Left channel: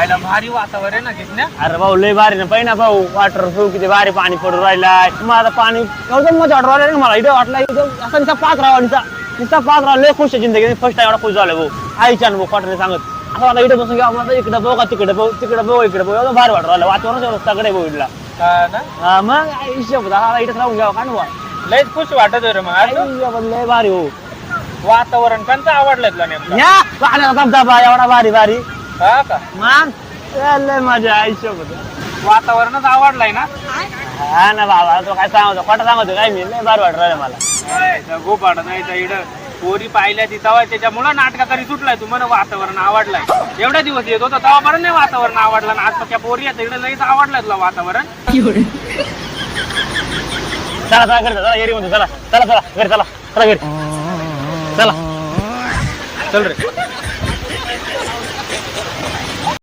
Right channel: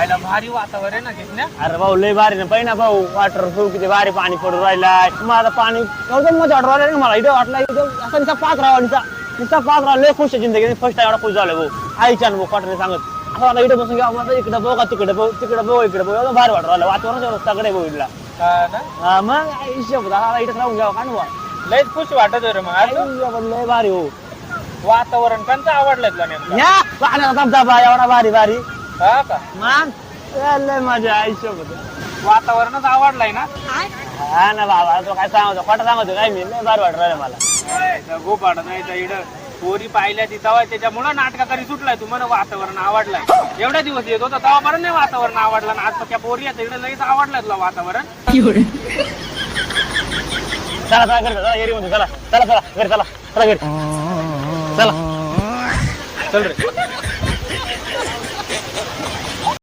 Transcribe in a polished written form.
खायला भारी वातावरण आहे ना किसन्या. अरे भाऊ लय भारी ना पहिना भाऊ वॉटर प्रूफ किती भारी पाणी पडून राहिलाय माझं पाणी एकदम मजा वाटू राहिला मला इथे वाटलं एकदम असं नुसता पाच राहा नुसता पाच राहा लय खुश आहे जिंदगी फर्स्ट टाइम एवढा खुश झालं भाऊ आईच्या भाऊ पाठवले सांगत आता मला इथे बसून घ्या मला इकडे बघा तिकडे बघू तिकडे बघू इकडे बघू एवढं भारी वाटू राहिलं वातावरण एवढं सगळे भाऊ इथला मग हिशोब झाला इथे राहून घ्यावं का ना लयच खुश वाटत रे मग आज लय भारी हो वातावरण कोणतं आवडलं तुला नेमकं? या पाण्याला धबधबा एवढा भारी भारी हा का मग लय मजा आयुष्य वातावरणच आवडलंय ना. हा ना बाबा तो काय सांगतो खोटं सांगतो काय मी लय भारी वाटत राहिलं मला गोपाड नाही इकडं पोरी पाहिल्या ती तवा त्याच्यामुळं नाटकाकारी सुटलाय तुम्हाला वातावरण आवडलंय एवढ्या दिवस येत होता तेव्हा बरं नाही वातावरण आवडलं ना आता त्या पोरी आहेत इकडे लईच आवडलंय तुला वातावरण. चला चला घरी चला येरी म्हणतो चला चला चला घरी चला चला घरी चला चल रे.